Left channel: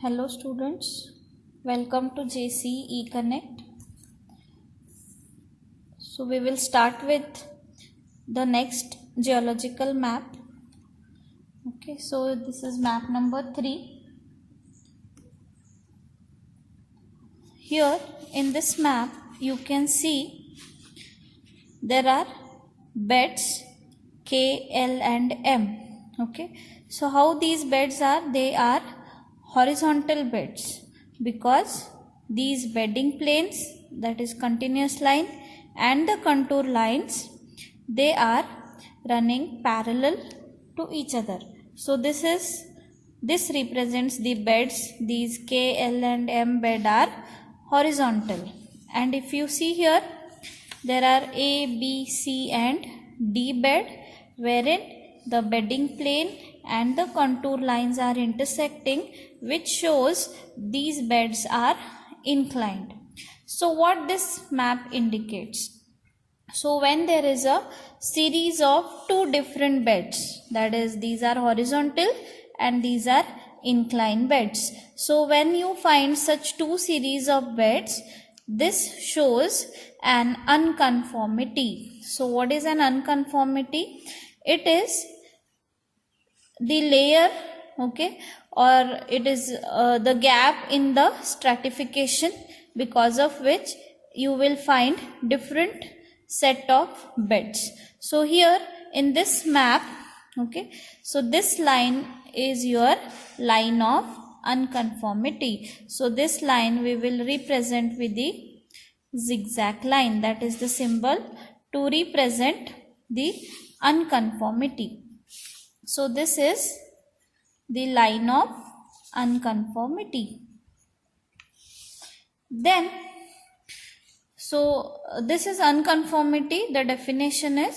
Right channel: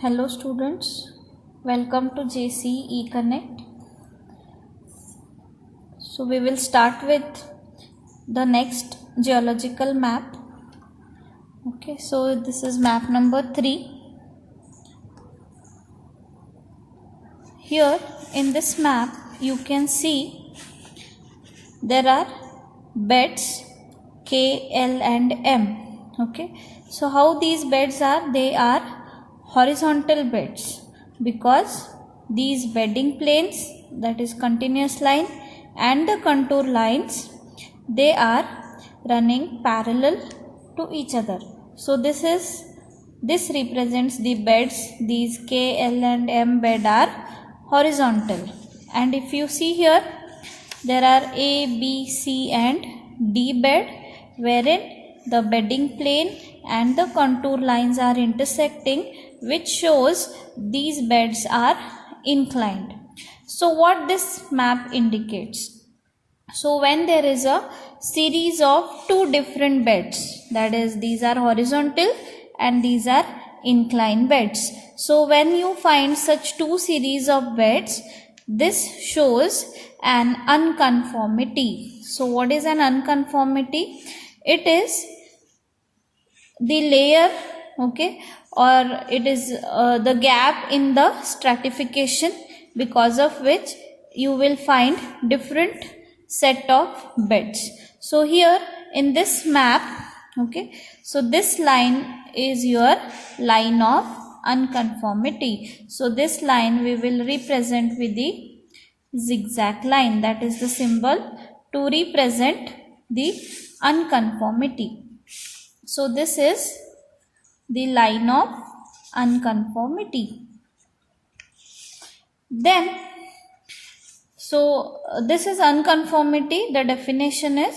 Hello students, welcome to JCE Connect. So we will start with the next geological map. Okay, so this is map number 3. Here in this map you can see there are beds K, L and M. Okay, so how these beds are? They are horizontal beds because these bedding planes, that is continuous line, and the contour lines, they are running parallel to each other. So this represents the beds. These K, L and M bed are horizontal, and if you see here there are A, B, C and D bed, wherein the bedding plane and the contour lines are intersecting, which shows these beds are inclined. So what this map indicates? So when there is a series of two different beds, that is, these are horizontal and these are inclined beds. So when you find such two series of beds, this shows an unconformity. So what is an unconformity? It is the layer, okay, or it is the gap in the stratification, because of which you will find different set of beds. So here in this map, okay, so this line is your line of unconformity. So this line we will represent with the zigzag line, that is the symbol to represent the unconformity. So this is the line of unconformity. Then, so this is unconformity. The definition is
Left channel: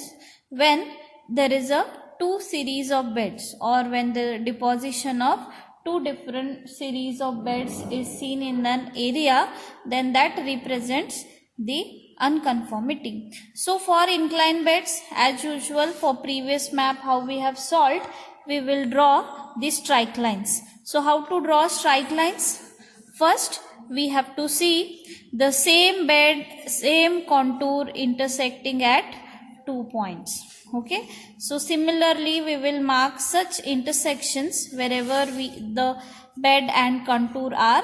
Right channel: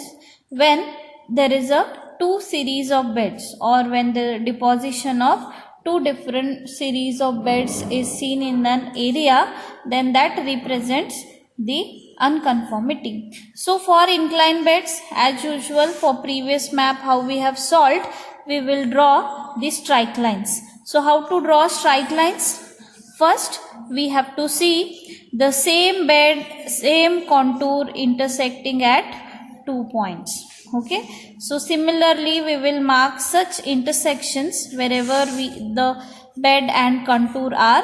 when there is a two series of beds, or when the deposition of two different series of beds is seen in an area, then that represents the unconformity. So for inclined beds, as usual for previous map how we have solved, we will draw the strike lines. So how to draw strike lines? First we have to see the same bed, same contour intersecting at 2 points. Okay, so similarly we will mark such intersections wherever the bed and contour are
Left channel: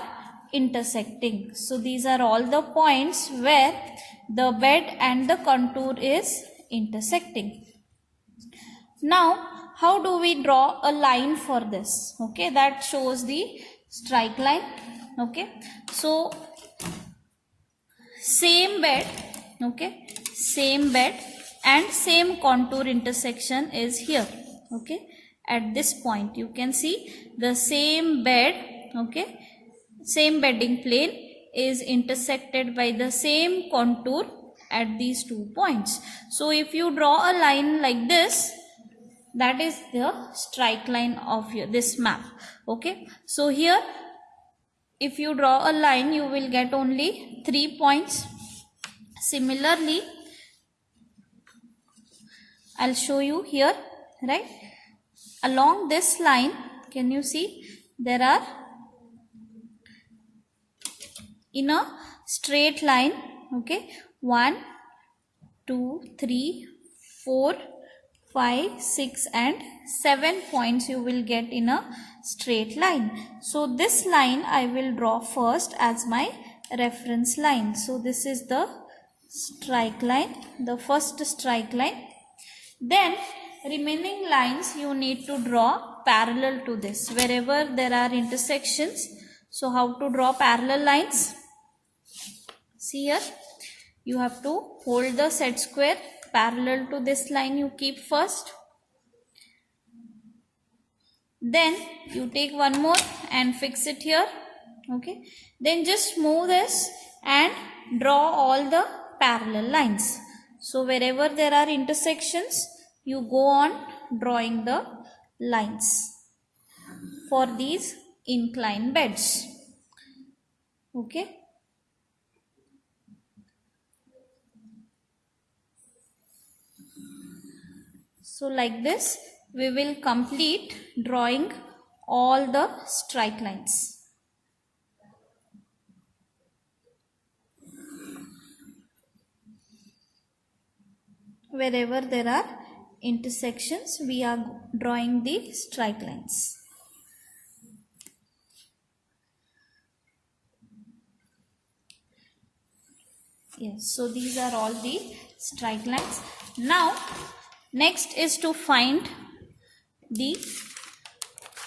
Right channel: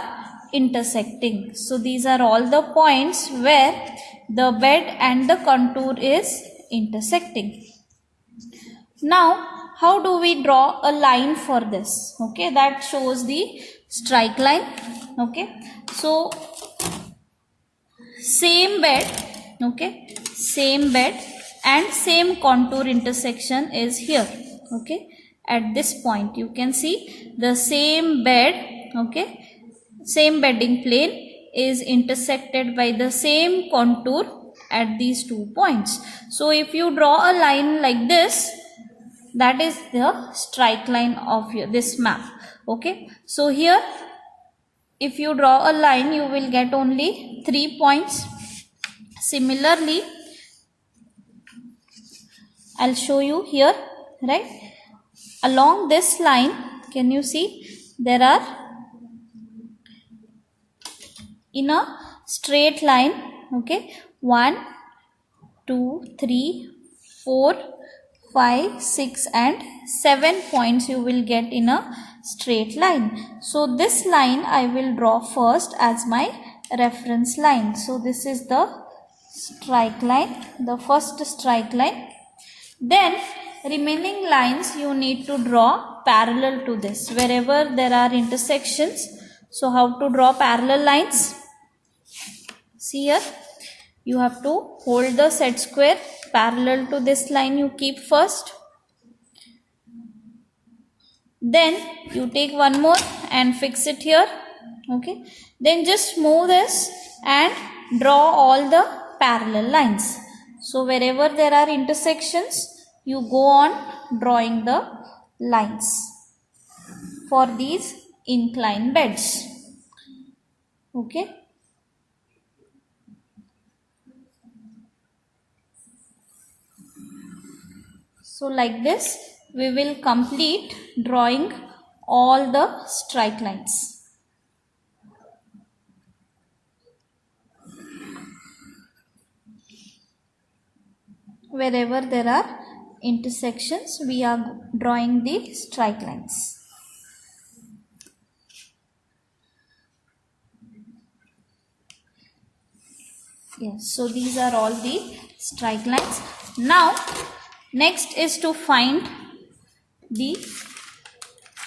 intersecting. So these are all the points where the bed and the contour is intersecting. Now how do we draw a line for this? Okay, that shows the strike line. Okay, so same bed, okay, same bed and same contour intersection is here. Okay, at this point you can see the same bed, okay, same bedding plane is intersected by the same contour at these 2 points. So if you draw a line like this, that is the strike line of this map. Okay, so here if you draw a line, you will get only 3 points. Similarly, I'll show you here, right? Along this line, can you see there are, in a straight line, okay, 1, 2, 3, 4, 5, 6 and 7 points you will get in a straight line. So this line I will draw first as my reference line. So this is the strike line, the first strike line. Then remaining lines you need to draw parallel to this wherever there are intersections. So how to draw parallel lines? See here, you have to hold the set square parallel to this line, you keep first. Then you take one more and fix it here. Okay, then just move this and draw all the parallel lines. So wherever there are intersections, you go on drawing the lines for these inclined beds. Okay, so like this we will complete drawing all the strike lines. wherever there are intersections, we are drawing the straight lines. Yes, so these are all the straight lines. Now next is to find the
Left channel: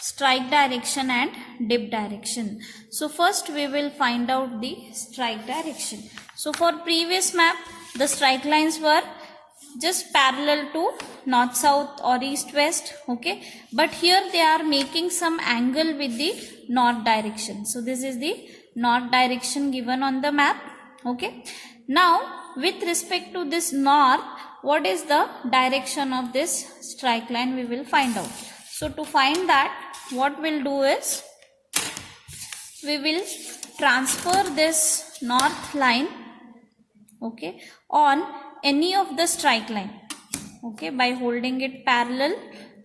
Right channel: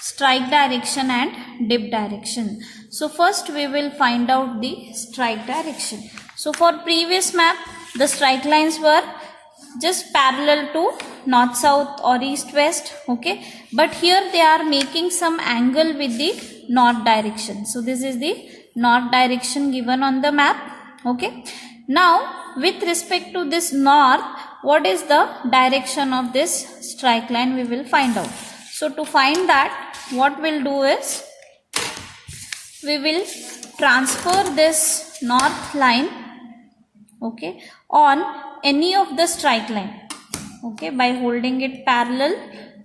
strike direction and dip direction. So first we will find out the strike direction. So for previous map, the strike lines were just parallel to north south or east west, okay, but here they are making some angle with the north direction. So this is the north direction given on the map, okay. Now with respect to this north, what is the direction of this strike line, we will find out. So to find that, what we'll do is, we will transfer this north line, okay, on any of the strike line, okay, by holding it parallel,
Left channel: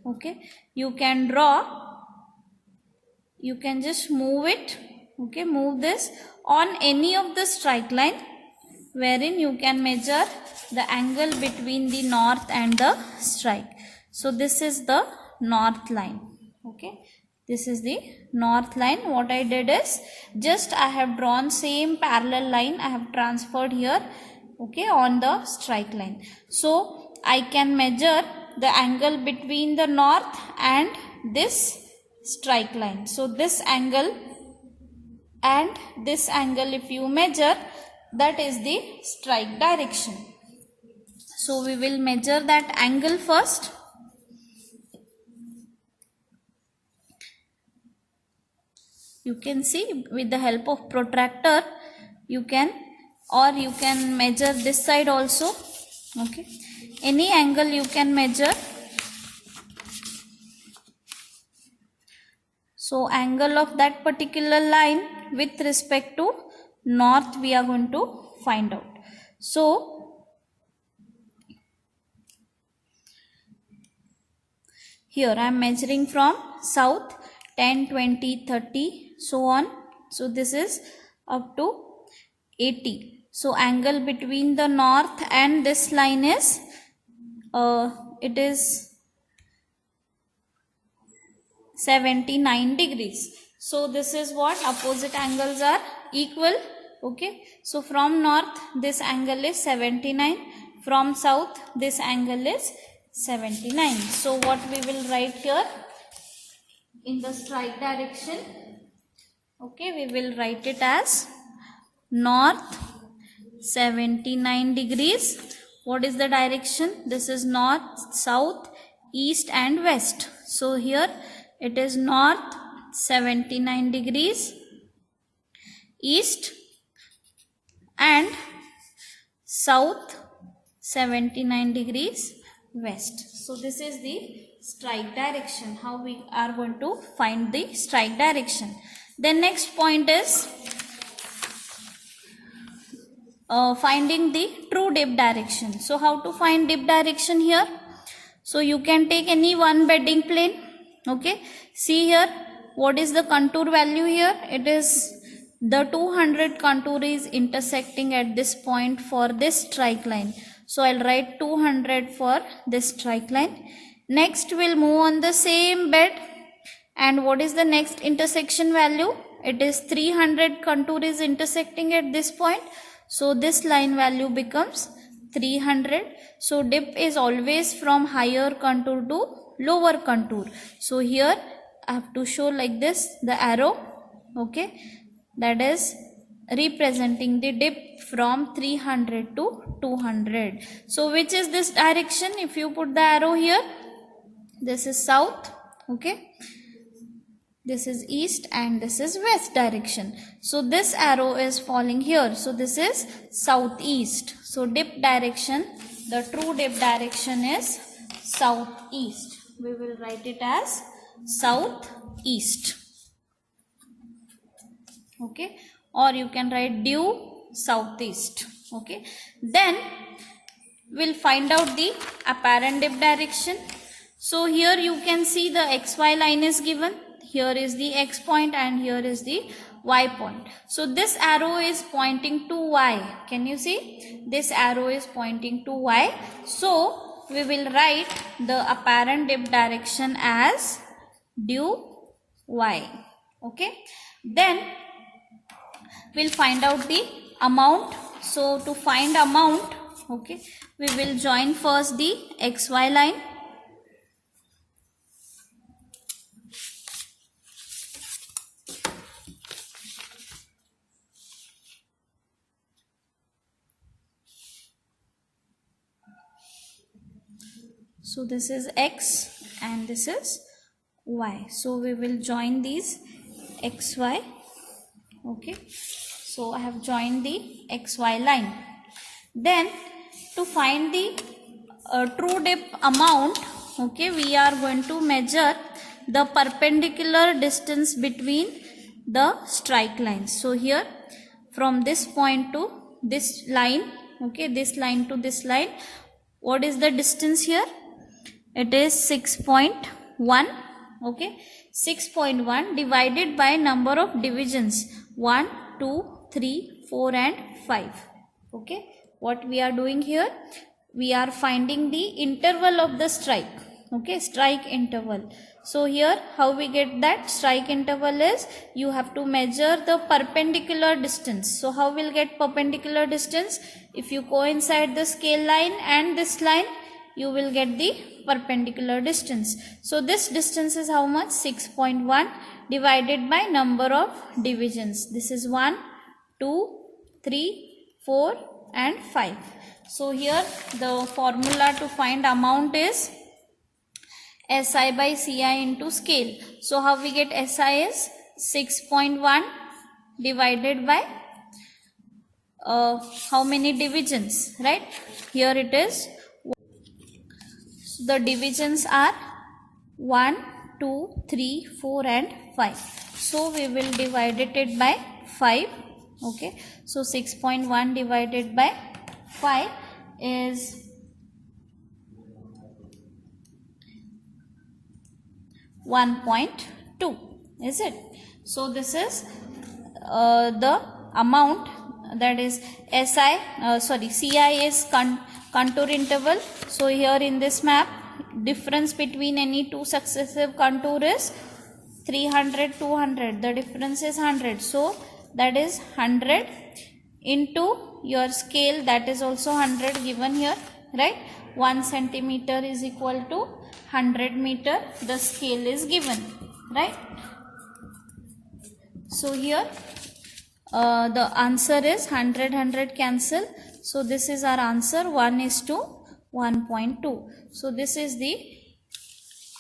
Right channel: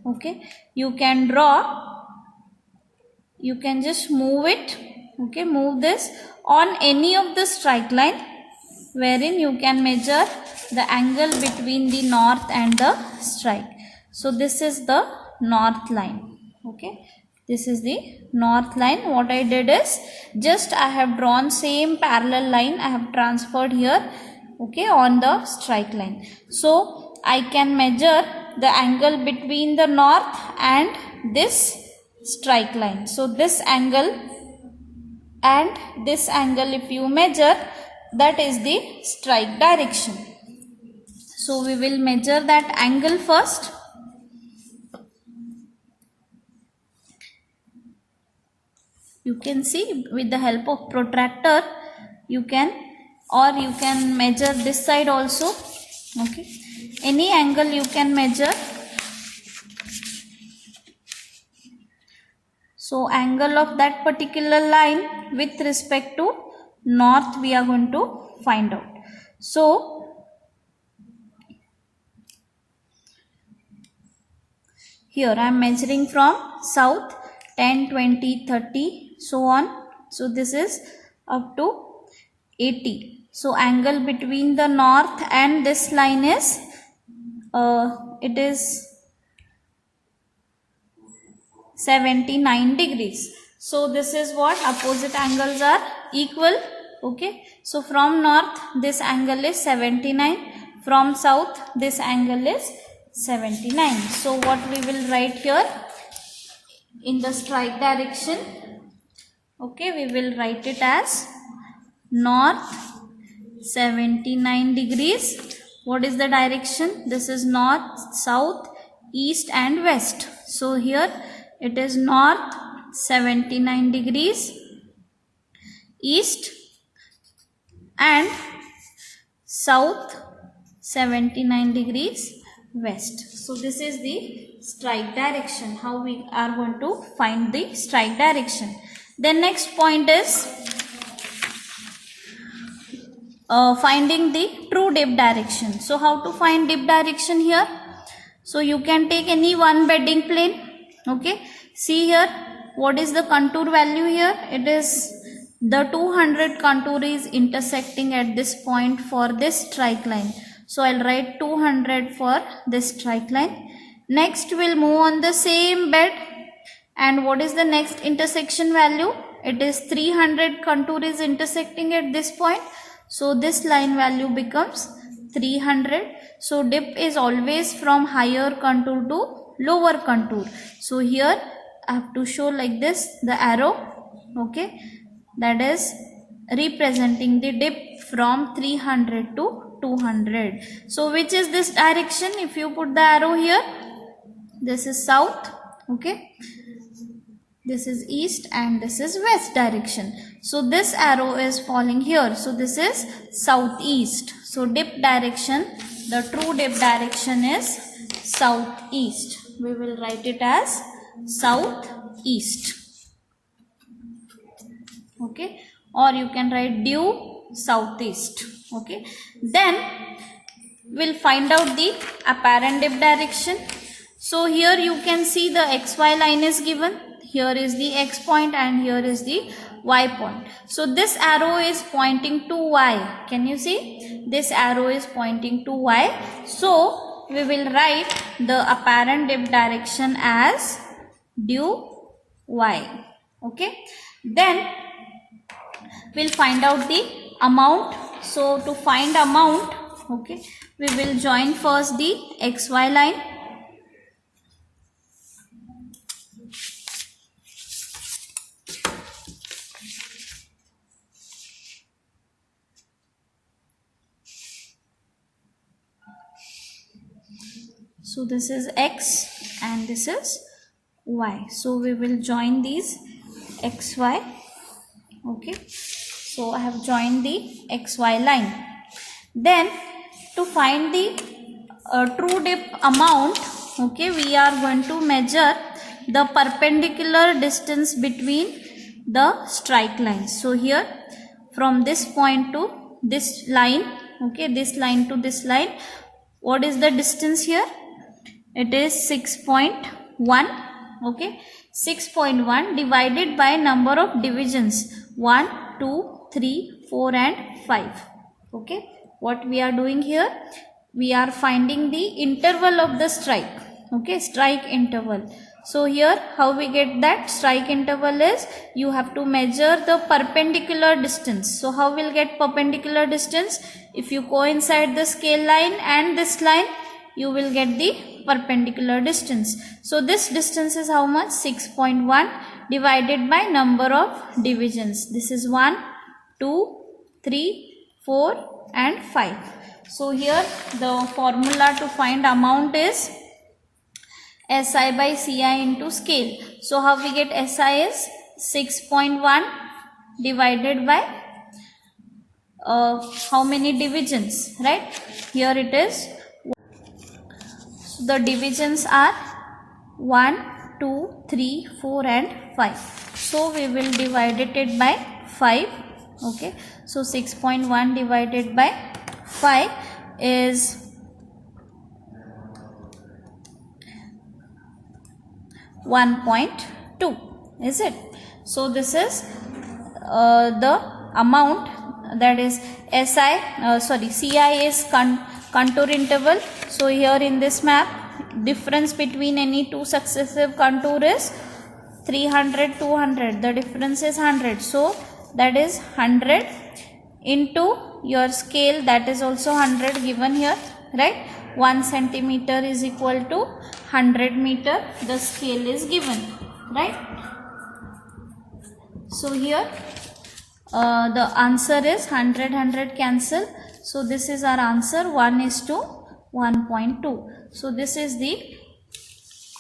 okay. You can draw, you can just move it, okay, move this on any of the strike line wherein you can measure the angle between the north and the strike. So this is the north line, okay, this is the north line. What I did is, just I have drawn same parallel line, I have transferred here, okay, on the strike line. So I can measure the angle between the north and this strike line. So this angle and this angle, if you measure, that is the strike direction. So we will measure that angle first. You can see with the help of protractor, you can measure this side also, okay, any angle you can measure. So angle of that particular line with respect to north we are going to find out. So here I am measuring from south 10, 20, 30, so on. So this is up to 80. So angle between the north and this line is it is 79 degrees. So this is what opposite angles are equal, okay. So from north this angle is 79, from south this angle is 79. So what we will write here in the strike direction, okay, we will write it as north 79 degrees. What is the direction? This is north, south, east and west. So here it is north 79 degrees east and south 79 degrees west. So this is the strike direction, how we are going to find the strike direction. Then next point is finding the true dip direction. So how to find dip direction here? So you can take any one bedding plane, okay. See here, what is the contour value here? It is the 200 contour is intersecting at this point for this strike line. So I'll write 200 for this strike line. Next we'll move on the same bed, and what is the next intersection value? It is 300 contour is intersecting at this point. So this line value becomes 300. So dip is always from higher contour to lower contour. So here I have to show like this the arrow, okay, that is representing the dip from 300 to 200. So which is this direction? If you put the arrow here, this is south, okay, this is east and this is west direction. So this arrow is falling here. So this is southeast. So dip direction, the true dip direction is southeast. We will write it as southeast, okay, or you can write due southeast, okay. Then we'll find out the apparent dip direction. So here you can see the xy line is given. Here is the x point and here is the y point. So this arrow is pointing to y. Can you see? This arrow is pointing to y. So we will write the apparent dip direction as due y. Okay, then we'll find out the amount. So to find amount, okay, we will join first the xy line. So this is x and this is y. So we will join these xy. Okay, so I have joined the xy line. Then to find the true dip amount, okay, we are going to measure the perpendicular distance between the strike lines. So here from this point to this line, okay, this line to this line, what is the distance here? It is 6.1. Okay, 6.1 divided by number of divisions 1, 2, 3, 4 and 5. Okay, what we are doing here, we are finding the interval of the strike. Okay, strike interval. So here how we get that strike interval is, you have to measure the perpendicular distance. So how we'll get perpendicular distance? If you coincide the scale line and this line, you will get the perpendicular distance. So this distance is how much? 6.1 divided by number of divisions. This is 1, 2, 3, 4 and 5. So here the formula to find amount is SI by CI into scale. So how we get SI is 6.1 divided by how many divisions, right? Here it is. So the divisions are 1, 2, 3, 4 and 5. So we will divide it by 5. Okay. So 6.1 divided by 5 is 1.2. Is it? So this is the amount, that is CI is contour interval. So here in this map, difference between any two successive contour is 300, 200. The difference is 100. So that is 100 into your scale, that is also 100 given here, right? 1 centimeter is equal to 100 meter. The scale is given, right? So here the answer is 100, 100 cancel. So this is our answer, 1:1.2. So this is the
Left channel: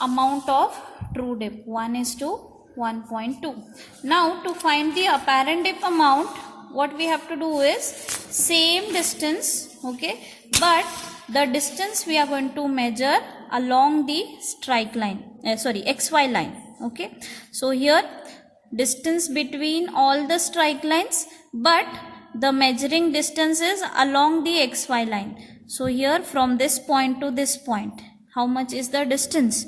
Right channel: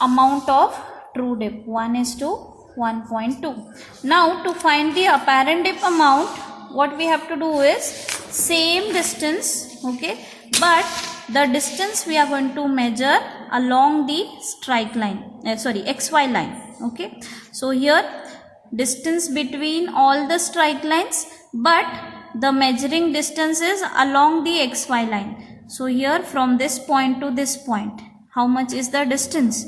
amount of true dip, 1:1.2. Now to find the apparent dip amount, what we have to do is same distance, okay, but the distance we are going to measure along the strike line, XY line. Okay, so here distance between all the strike lines, but the measuring distance is along the XY line. So here from this point to this point, how much is the distance?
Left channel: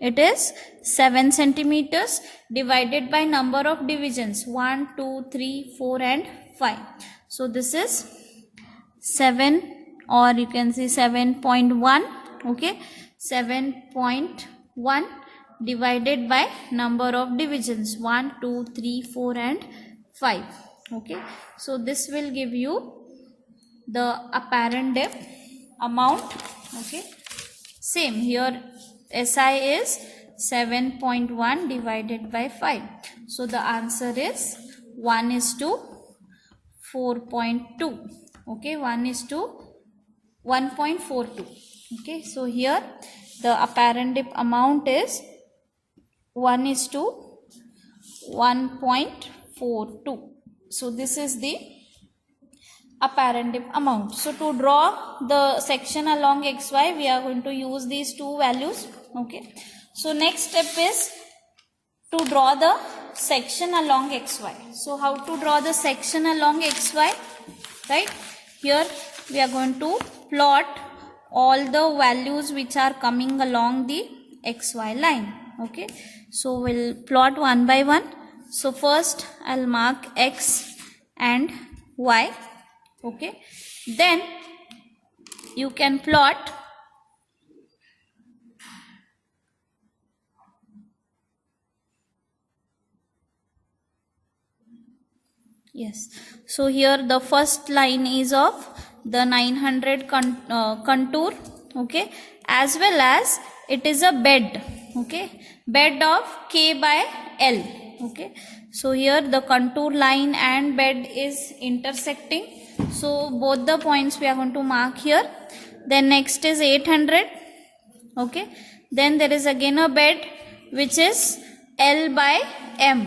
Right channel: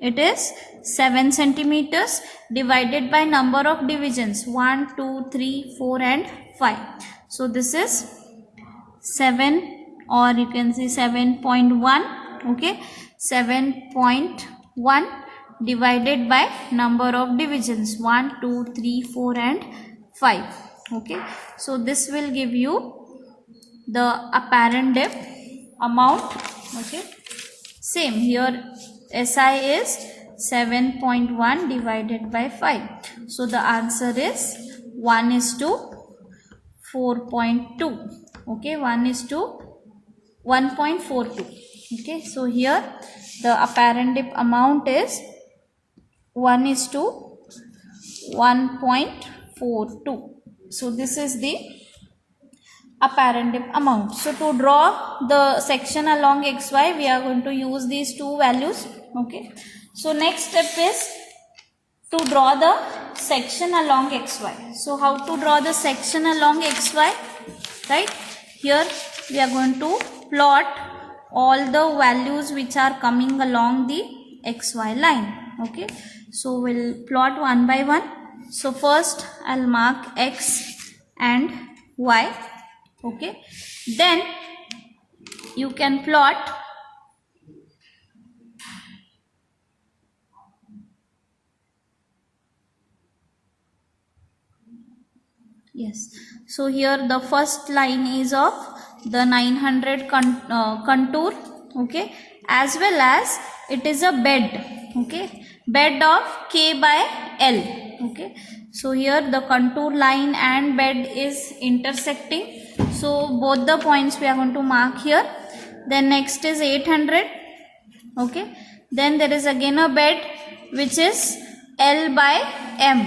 It is 7 centimeters divided by number of divisions 1, 2, 3, 4 and 5. So this is 7, or you can say 7.1. Okay, 7.1 divided by number of divisions 1, 2, 3, 4 and 5. Okay, so this will give you the apparent dip amount. Okay, same here, SI is 7.1 divided by 5. So the answer is 1:4.2. Okay, 1:1.42. Okay, so here the apparent dip amount is 1:1.42. So this is the apparent dip amount. So to draw the section along XY, we are going to use these two values. Okay, so next step is to draw the section along XY. So how to draw the section along XY, right? Here we are going to plot all the values which are coming along the XY line. Okay, so we'll plot one by one. So first I'll mark X and Y. Okay, then you can plot Yes. So here the first line is of the 900 contour. Okay. As well as it is a bed. Okay. Bed of K by L. Okay. So here the contour line and bed is intersecting. So both the points we are going to mark here. Then next is 800. Okay. Then there is again a bed which is L by M.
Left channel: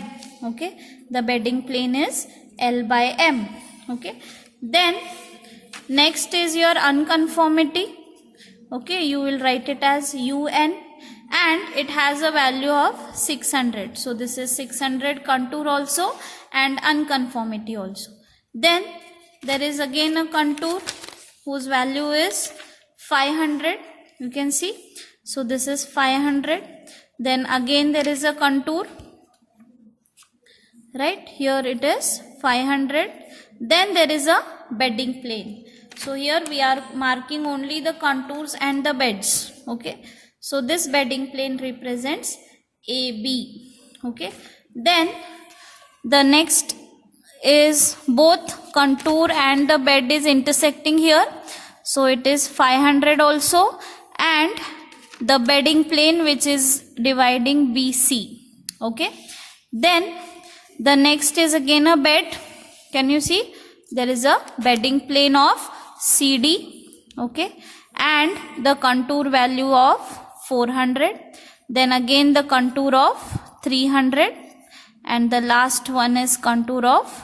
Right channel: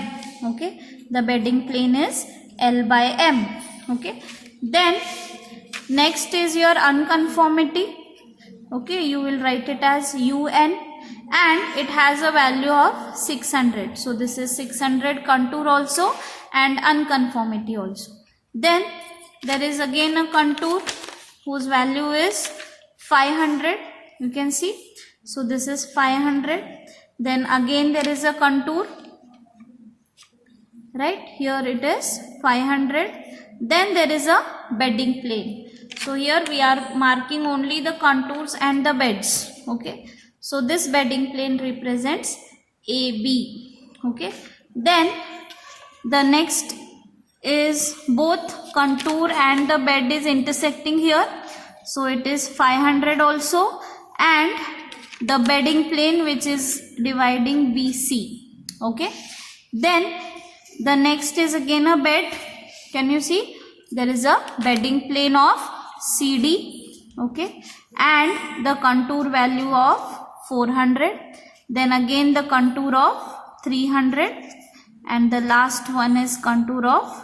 Okay. The bedding plane is L by M. Okay. Then next is your unconformity. Okay. You will write it as UN and it has a value of 600. So this is 600 contour also and unconformity also. Then there is again a contour whose value is 500. You can see. So this is 500. Then again there is a contour. Right, here it is 500. Then there is a bedding plane. So here we are marking only the contours and the beds. Okay. So this bedding plane represents AB. Okay. Then the next is both contour and the bed is intersecting here. So it is 500 also, and the bedding plane which is dividing BC. Okay. Then the next is again a bed. Can you see? There is a bedding plane of CD. Okay. And the contour value of 400. Then again the contour of 300. And the last one is contour of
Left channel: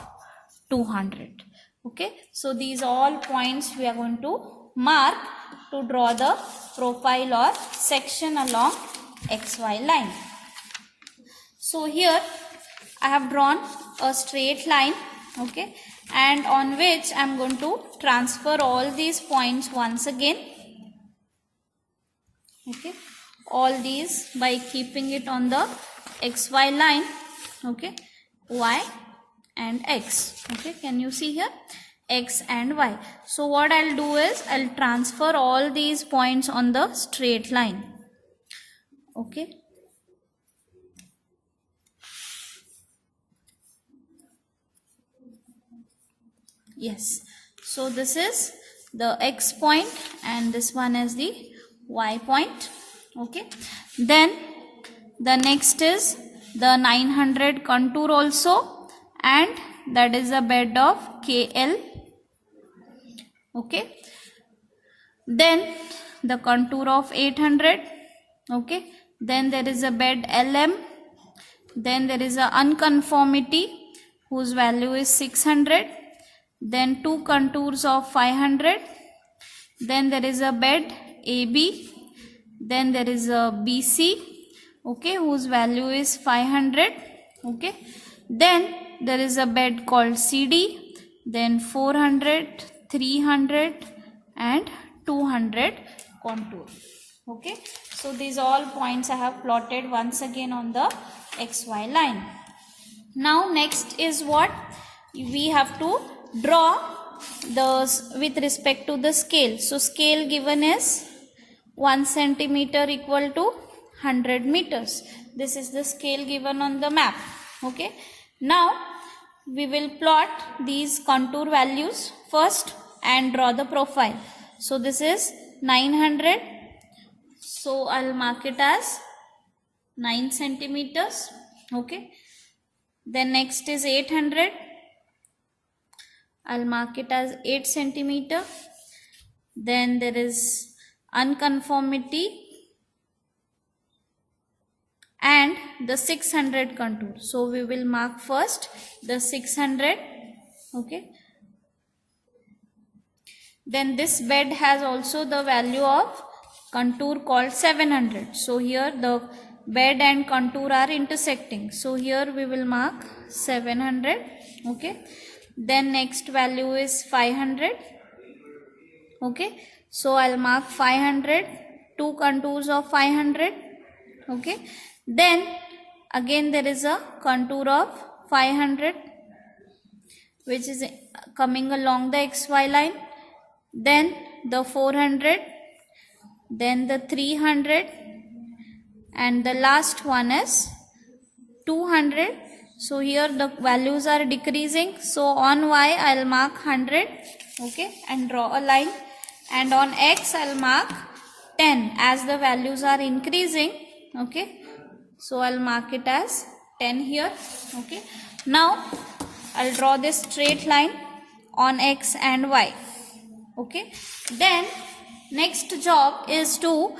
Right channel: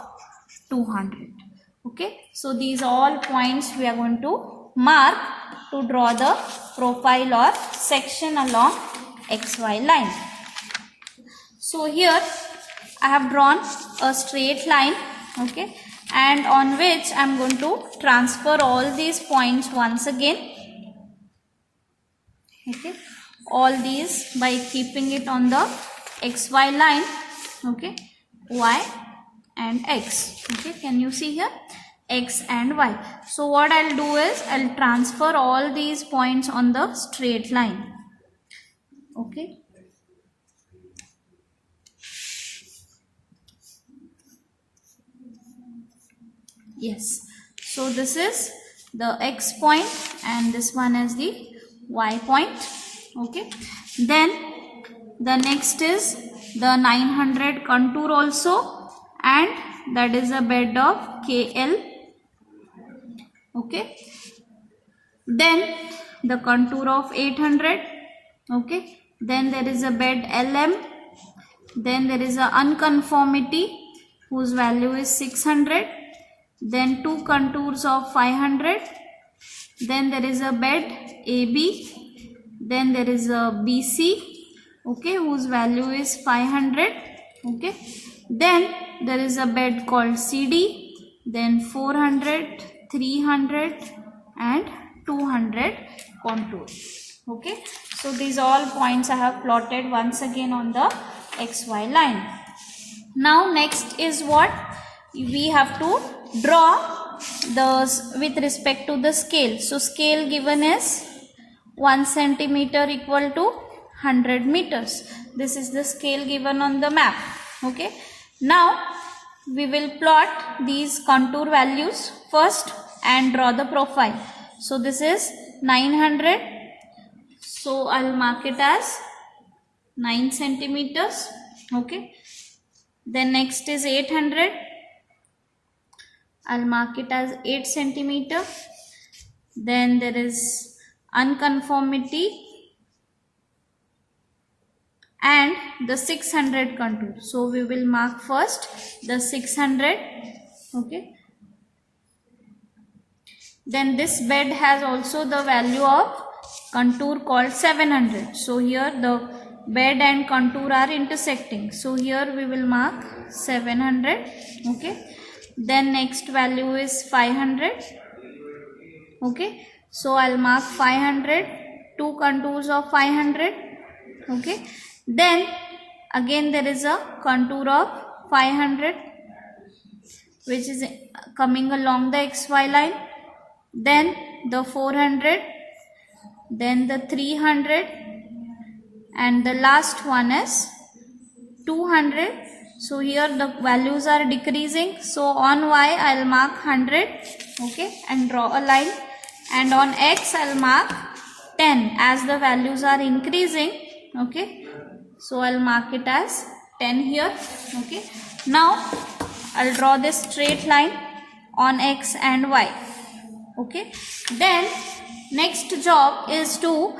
200. Okay. So these all points we are going to mark to draw the profile or section along XY line. So here I have drawn a straight line, okay, and on which I am going to transfer all these points once again, okay, all these by keeping it on the XY line, okay, Y and X, okay, can you see here, X and Y. So what I'll do is I'll transfer all these points on the straight line, okay. Yes, so this is the X point and this one is the Y point, okay. Then the next is the 900 contour also, and that is a bed of KL, okay. Then the contour of 800, okay. Then there is a bed LM. Then there is a unconformity whose value is 600. Then two contours of 500. Then there is a bed AB. Then there is a BC, okay, whose value is 500, okay. Then there is a bed called CD. Then 400, 300 and 200 contour, okay. So these all points I have plotted once again on the XY line. Now next is what we have to draw the with respect to the scale. So scale given is 1 centimeter equal to 100 meters. This is the scale given on the map, okay. Now we will plot these contour values first and draw the profile. So this is 900, so I'll mark it as 9 centimeters, okay. Then next is 800, I'll mark it as 8 centimeter. Then there is unconformity and the 600 contour. So we will mark first the 600, okay. Then this bed has also the value of contour called 700. So here the bed and contour are intersecting. So here we will mark 700, okay. Then next value is 500, okay. So I'll mark 500, two contours of 500, okay. Then again there is a contour of 500 which is coming along the XY line. Then the 400, then the 300 and the last one is 200. So here the values are decreasing. So on Y I'll mark 100. Okay, and draw a line. And on X I'll mark 10 as the values are increasing. Okay, so I'll mark it as 10 here. Okay, now I'll draw this straight line on X and Y. Okay, then next job is to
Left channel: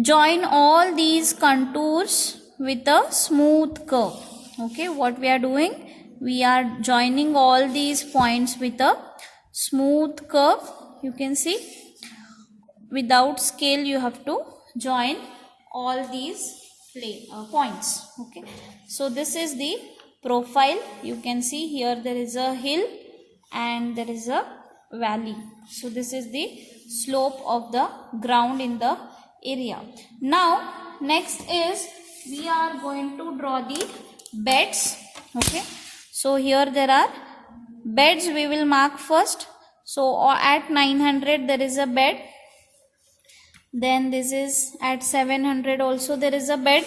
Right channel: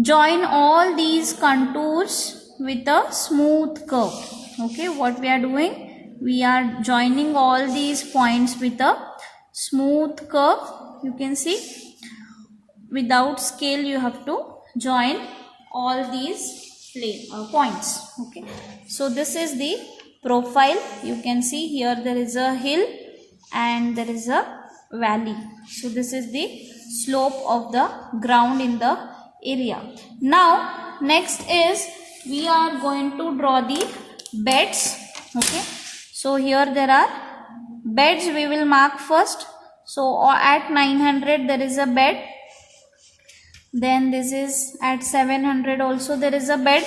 join all these contours with a smooth curve. Okay, what we are doing? We are joining all these points with a smooth curve. You can see without scale you have to join all these points. Okay, so this is the profile. You can see here there is a hill and there is a valley. So this is the slope of the ground in the area. Now next is we are going to draw the beds. Okay, so here there are beds. We will mark first. So at 900 there is a bed. Then this is at 700 also there is a bed,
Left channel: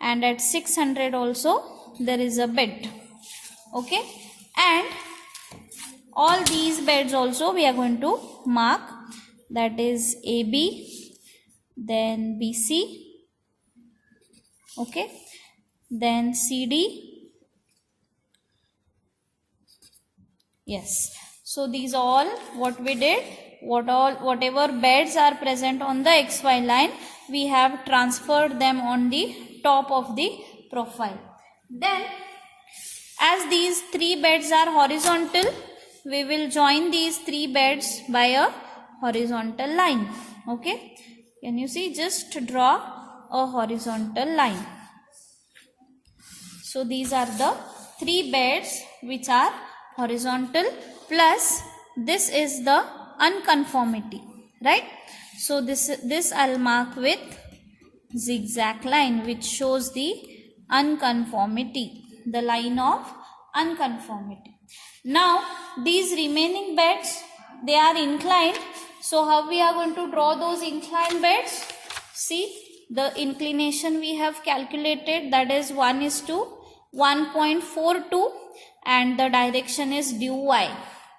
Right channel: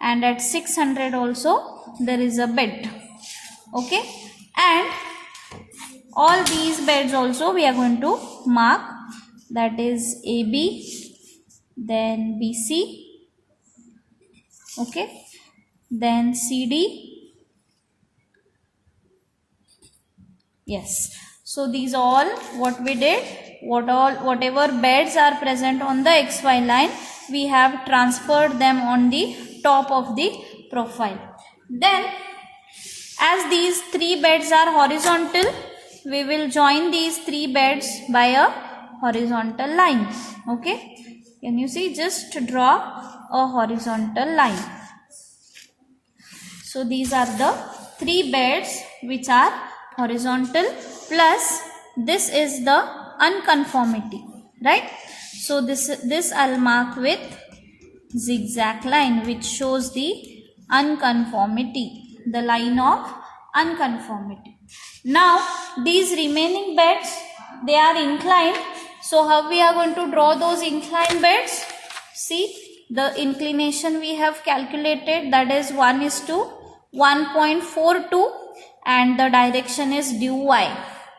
and at 600 also there is a bed. Okay, and all these beds also we are going to mark, that is AB, then BC, okay, then CD. Yes, so these all what we did, whatever beds are present on the XY line, we have transferred them on the top of the profile. Then as these three beds are horizontal, we will join these three beds by a horizontal line. Okay, can you see? Just draw a horizontal line. So these are the three beds which are horizontal, plus this is the unconformity, right? So this I'll mark with zigzag line, which shows the unconformity, the line of unconformity. Now these remaining beds, they are inclined. So how we are going to draw those inclined beds? See, the inclination we have calculated, that is 1:1.42, and the direction is due y.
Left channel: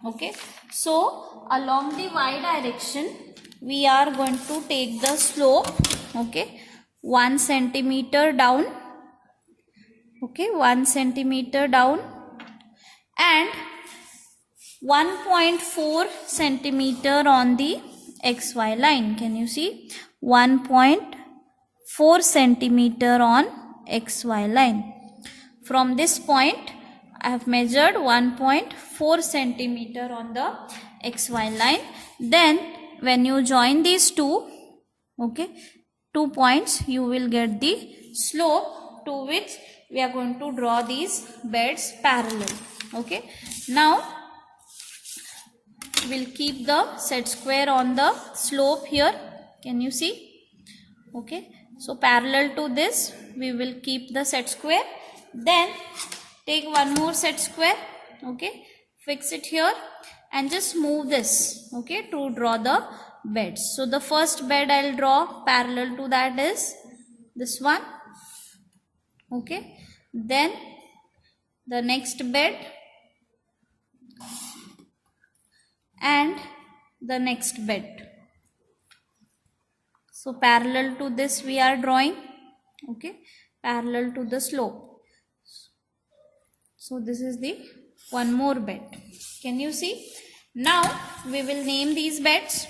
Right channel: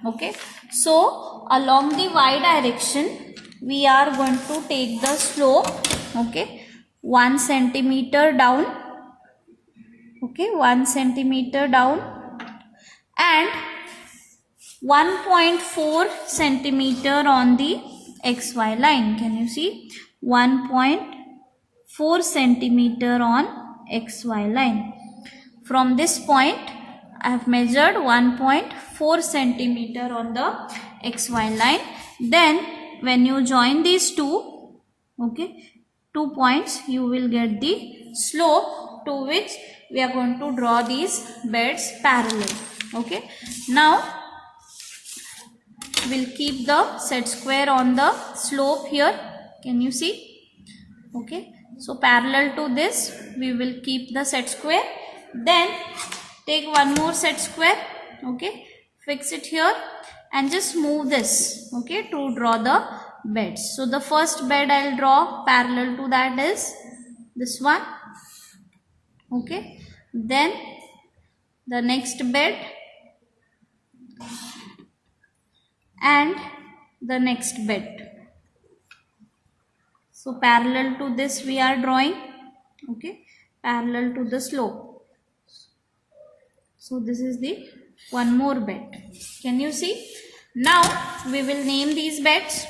Okay, so along the y direction we are going to take the slope, okay, 1 centimeter down, okay, 1 centimeter down, and 1.4 centimeter on the XY line. Can you see? 1.4 centimeter on XY line. From this point I have measured 1.4 centimeter on the XY line. Then when you join these two, okay, 2 points, you will get the slope to which we are going to draw these beds parallel. Okay, now we'll keep the set square on the slope here. Can you see? Okay, so parallel to this we will keep the set square. Then take one more set square, okay, fix it here and just move this, okay, to draw the beds. So the first bed I'll draw parallel to that is this one, okay, then the next bed and the next bed. So parallel to this we are drawing, okay, parallel to the slope. So this is the one more bed. Can you see? Now we will name these beds.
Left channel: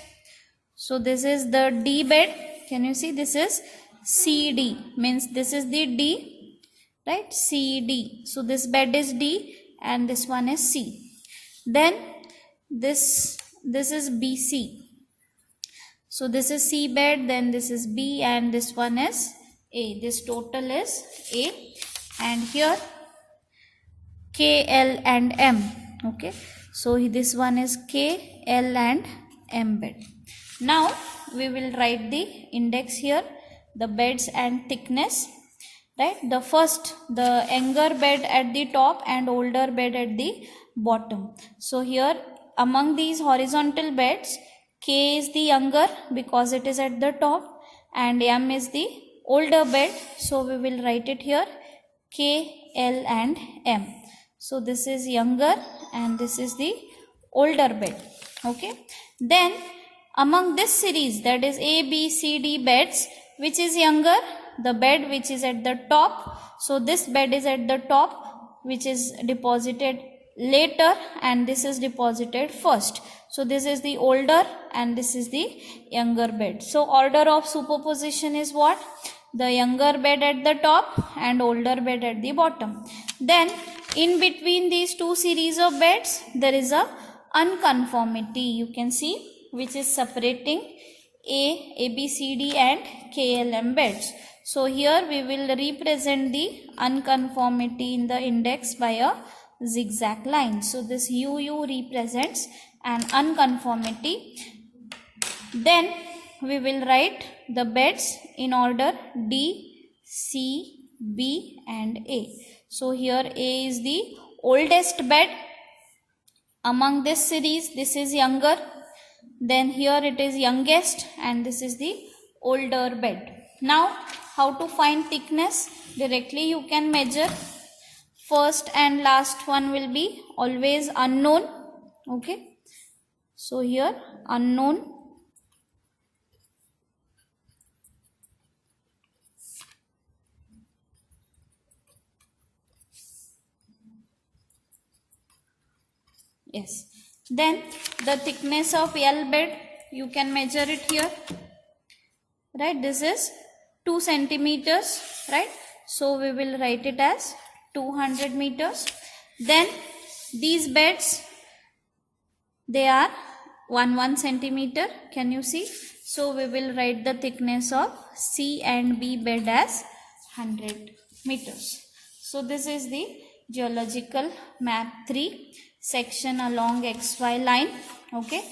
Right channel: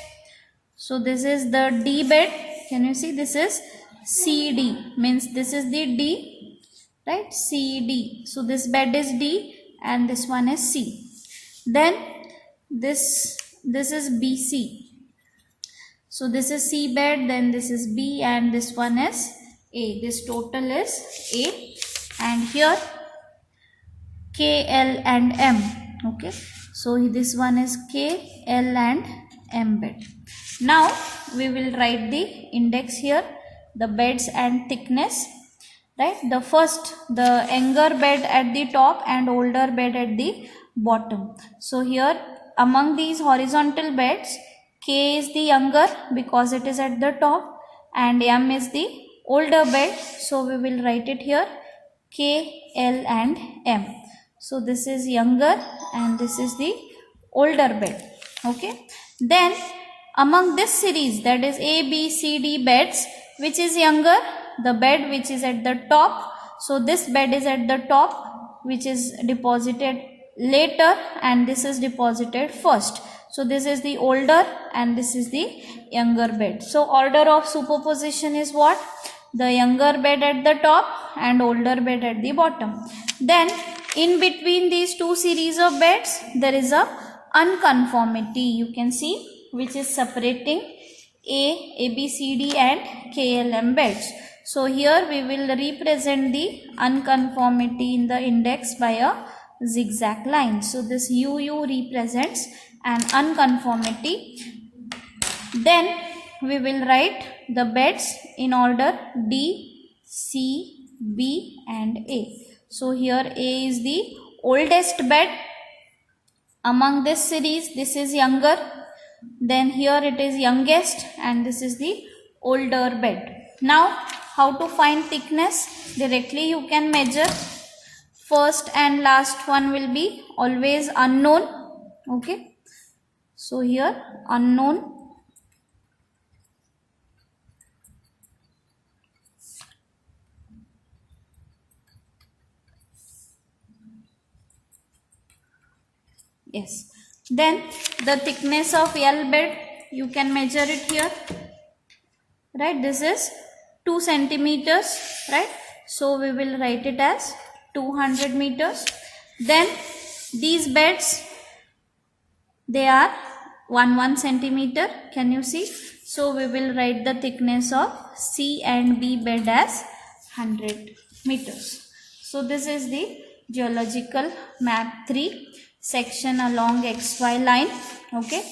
So this is the D bed. Can you see? This is CD, means this is the D, right? CD. So this bed is D and this one is C. Then this is BC. So this is C bed, then this is B, and this one is A. This total is A, and here K, L and M. Okay, so this one is K, L and M bed. Now we will write the index here, the beds and thickness, right? The first, the younger bed at the top and older bed at the bottom. So here among these horizontal beds, K is the younger because it is at the top, and M is the older bed. So we will write it here, K, L and M. So this is younger and this is the older bed. Okay. Then among this series, that is A, B, C, D beds, which is younger? The bed which is at the top. So this bed is at the top, which is deposited later, and this is deposited first. So this is the older and this is the younger bed. So order of superposition is what? The younger bed at the top and older bed at the bottom. Then in between these two series of beds, there is a unconformity, you can see, which is separating A, B, C, D and K, L, M beds. So here we will represent the unconformity in the index by a zigzag line. So this UU represents an unconformity. Then we will write the beds in order D, C, B and A. So here A is the oldest bed. Among this series, this is younger. Then here it is youngest and this is the older bed. Now how to find thickness? Directly you can measure. First and last one will be always unknown. Okay. So here unknown. Yes. Then the thickness of L bed, you can measure it here. Right. This is 2 centimeters. Right. So we will write it as 200 meters. Then these beds, they are 1 centimeter. Can you see? So we will write the thickness of C and B bed as 100 meters. So this is the geological map 3 section along XY line. Okay.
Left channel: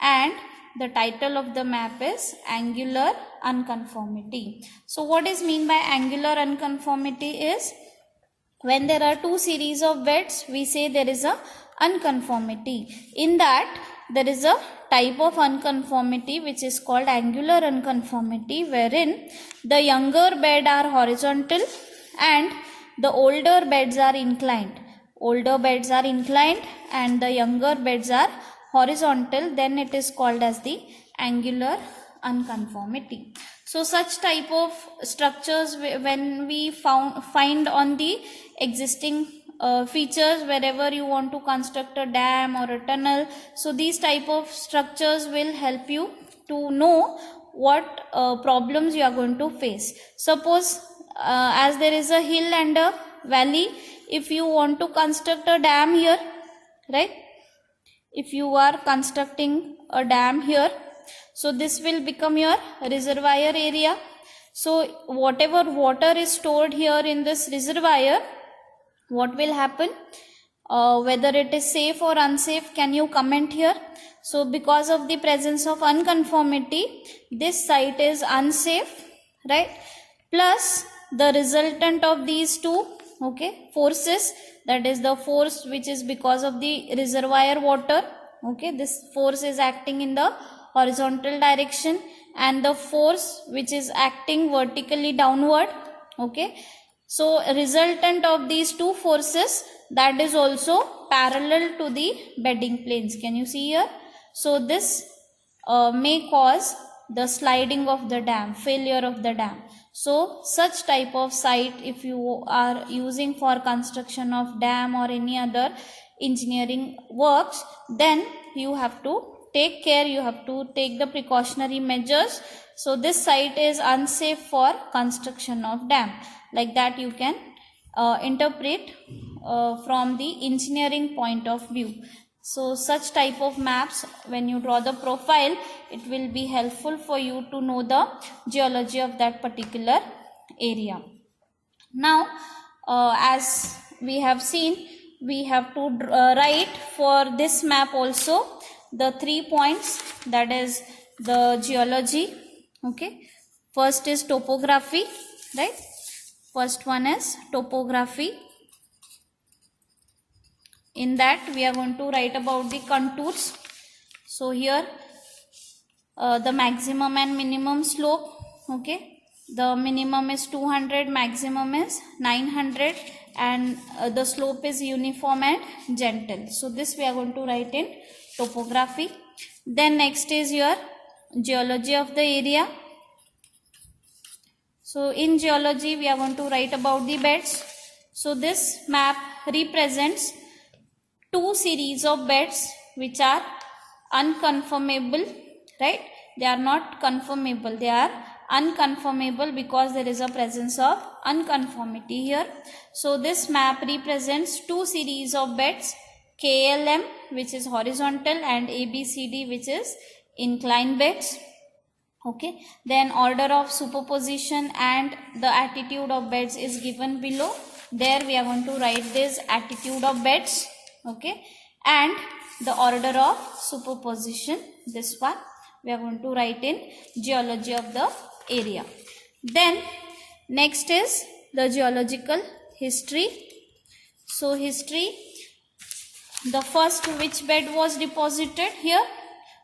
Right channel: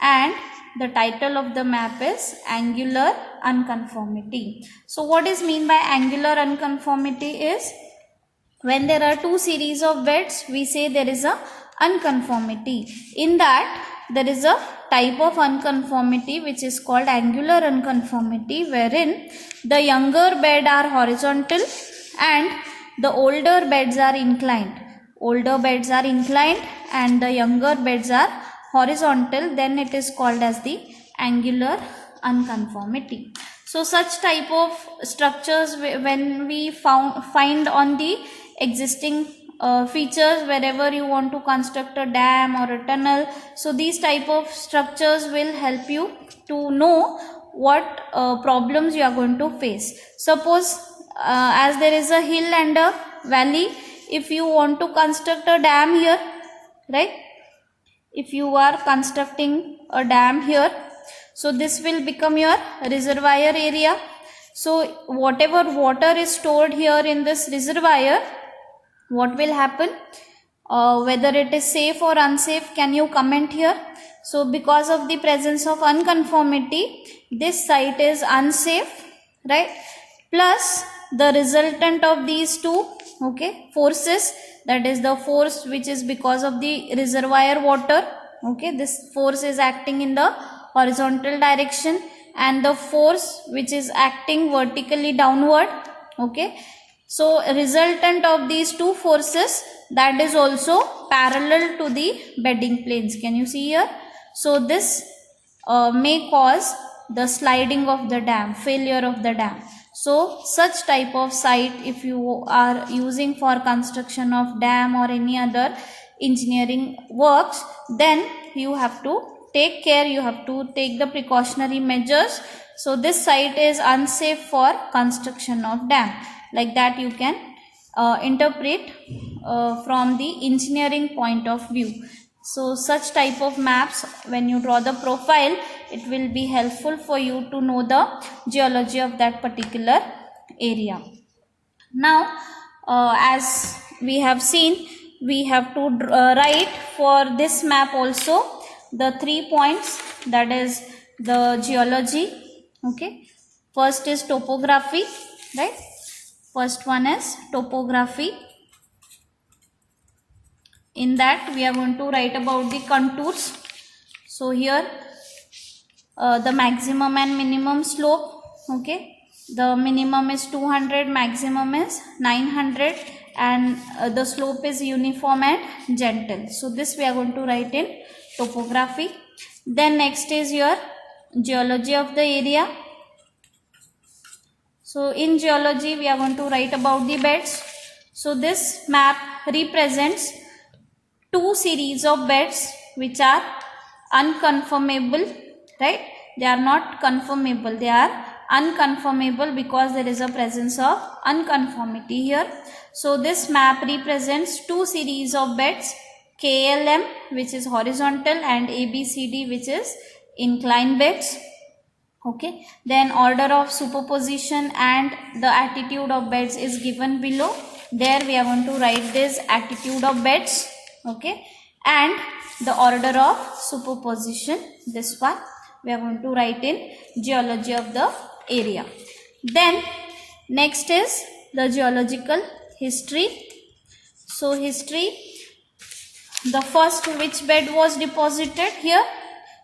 And the title of the map is angular unconformity. So what is mean by angular unconformity is, when there are two series of beds, we say there is a unconformity. In that, there is a type of unconformity which is called angular unconformity, wherein the younger bed are horizontal and the older beds are inclined. Older beds are inclined and the younger beds are horizontal. Then it is called as the angular unconformity. So such type of structures, when we find on the existing features, wherever you want to construct a dam or a tunnel, so these type of structures will help you to know what problems you are going to face. Suppose as there is a hill and a valley, if you want to construct a dam here, right? If you are constructing a dam here, so this will become your reservoir area. So whatever water is stored here in this reservoir, what will happen? Whether it is safe or unsafe, can you comment here? So because of the presence of unconformity, this site is unsafe, right? Plus the resultant of these two, okay, forces, that is the force which is because of the reservoir water, okay, this force is acting in the horizontal direction, and the force which is acting vertically downward, okay. So resultant of these two forces, that is also parallel to the bedding planes. Can you see here? So this may cause the sliding of the dam, failure of the dam. So such type of site, if you are using for construction of dam or any other engineering works, then you have to take care, you have to take the precautionary measures. So this site is unsafe for construction of dam. Like that you can interpret from the engineering point of view. So such type of maps, when you draw the profile, it will be helpful for you to know the geology of that particular area. Now as we have seen, we have to write for this map also the 3 points, that is the geology, okay. First is topography, right? First one is topography. In that we are going to write about the contours. So here the maximum and minimum slope, okay. The minimum is 200, maximum is 900, and the slope is uniform and gentle. So this we are going to write in topography. Then next is your geology of the area. So in geology we are going to write about the beds. So this map represents two series of beds which are unconformable, right? They are not conformable, they are unconformable because there is a presence of unconformity here. So this map represents two series of beds, KLM which is horizontal and ABCD which is inclined beds. Okay, then order of superposition and the attitude of beds is given below. There we are going to write this attitude of beds, okay, and the order of superposition, this one we are going to write in geology of the area. Then next is the geological history. So history, the first which bed was deposited here,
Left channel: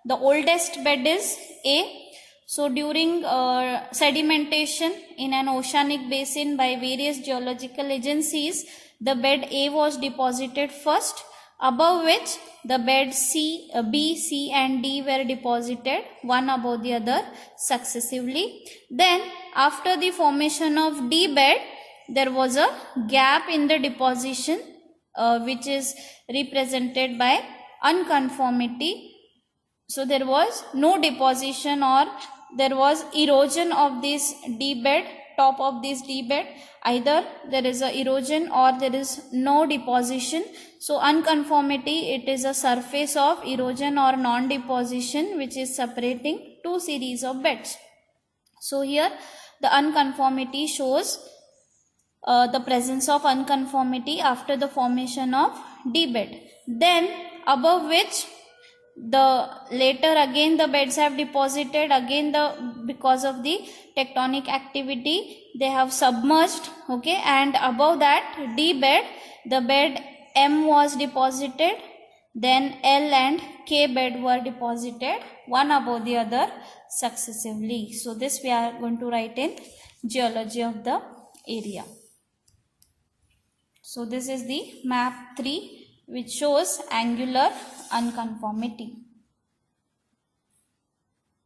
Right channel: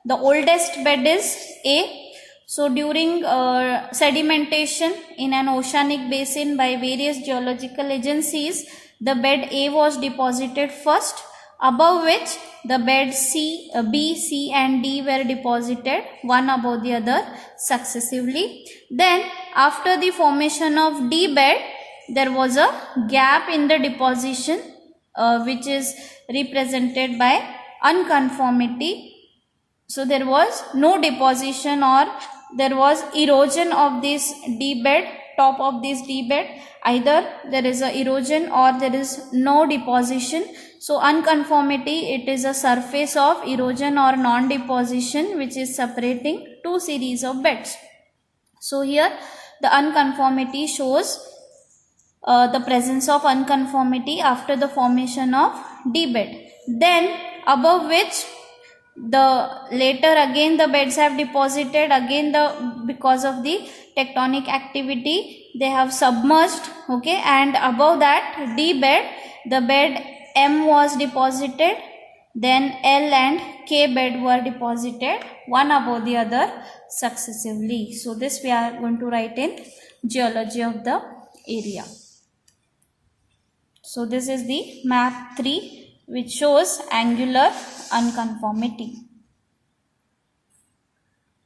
the oldest bed is A. So during sedimentation in an oceanic basin by various geological agencies, the bed A was deposited first, above which the beds C, B, C and D were deposited one above the other successively. Then after the formation of D bed, there was a gap in the deposition which is represented by unconformity. So there was no deposition or there was erosion of this D bed, top of this D bed. Either there is a erosion or there is no deposition. So unconformity, it is a surface of erosion or non-deposition which is separating two series of beds. So here the unconformity shows the presence of unconformity after the formation of D bed. Then above which the later again the beds have deposited, again because of the tectonic activity they have submerged, okay, and above that D bed, the bed M was deposited, then L and K bed were deposited one above the other successively. So this we are going to write in geology of the area. So this is the map 3 which shows angular unconformity.